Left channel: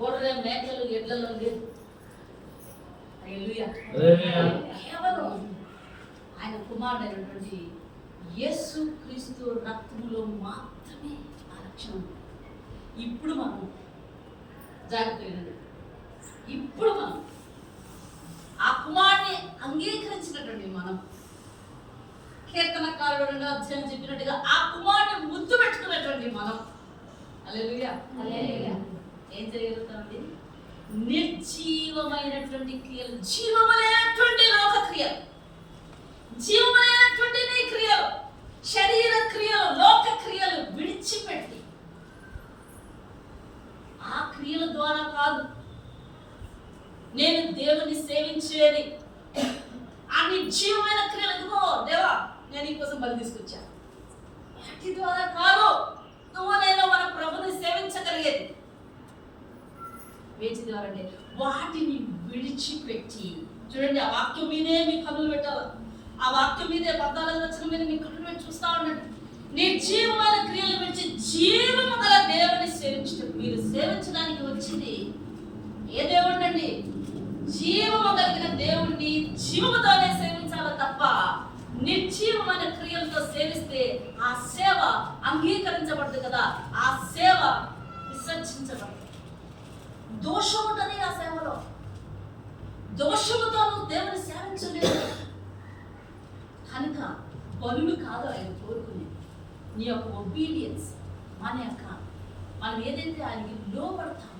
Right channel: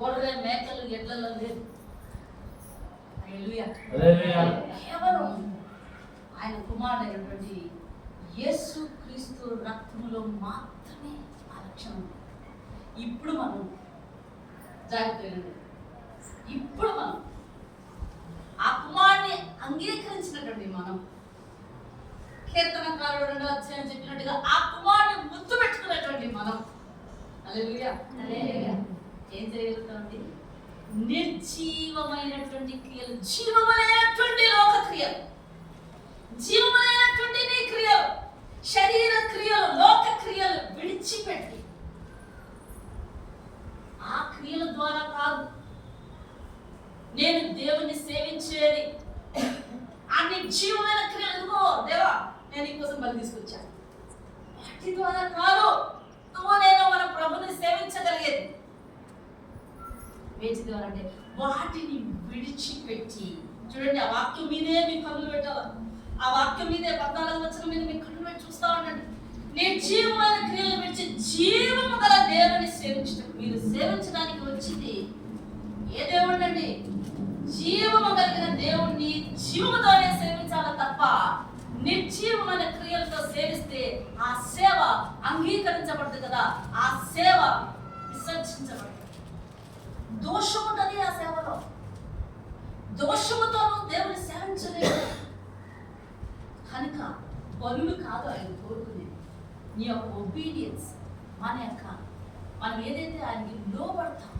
గొర్రె మేకలు ఎడ్లలో లేదు. కేవలం ఆయన కుమారుడైనటువంటి యేసు క్రీస్తు రక్తంలో మాత్రమే ఆ లక్షణం. ఇప్పుడు మనం జాగ్రత్త, ఇప్పుడు మనం ఆ కుమారుని అంగీకరించినటువంటి మనం, కీర్తనకారుడు 2వ అధ్యాయం చెప్పినట్టుగా ఆ కుమారుని ముద్దు పెట్టుకున్నటువంటి మనం హల్లెలూయా ఏం చేయగలుగుతామండి? నిర్జీవమైనటువంటి క్రియలు, జీవమైనటువంటి లోక క్రియలు, జీవమైనటువంటి నీ క్రియలు, శరీర క్రియలు, లోక క్రియలు విడిచిపెట్టి ఆ క్రియల ద్వారా కాదు నేను దేవుని సేవించేది. ఆ నిర్జీవమైన క్రియలు, ఎందుకో దేవా నేను ఈ కోసం బలి తీసుకొచ్చాను, వాటి ద్వారా కాదు నువ్వు నేను మన ప్రభుని సేవించగలిగేది. వేచి అంటే వాటిని విడిచిపెట్టి, చూడండి ఆ వాక్యం మీదే మీ కన్నులు పెట్టాలి, ఆ వాక్యం మీదే 14వ వచనం మీద మీ కన్నులు పెట్టి చూస్తా ఉండండి. నిర్జీవమైన క్రియలు విడిచి జీవము గల దేవుని సేవించడం. మీరు సేవించడానికి వచ్చింది ఏ దేవుడు అండి? జీవము కలిగిన దేవుణ్ణి జీవముతోనే సేవించాలి తప్ప నిర్జీవమైన క్రియలతో సేవిస్తే ఆ సేవ అంగీకరించబడదు కదా, ఆ సేవ విసర్జించబడదు. దోషం ఉంటుంది ఆ సేవలో. దోషముతో నువ్వు దేవుని సేవించలేదు కనుక బలులు కాదు ఆయన కోరుకునేది, నీ యొక్క ఒబీడియన్స్. మనం ఏదైతే ఆయనకి లోబడతాం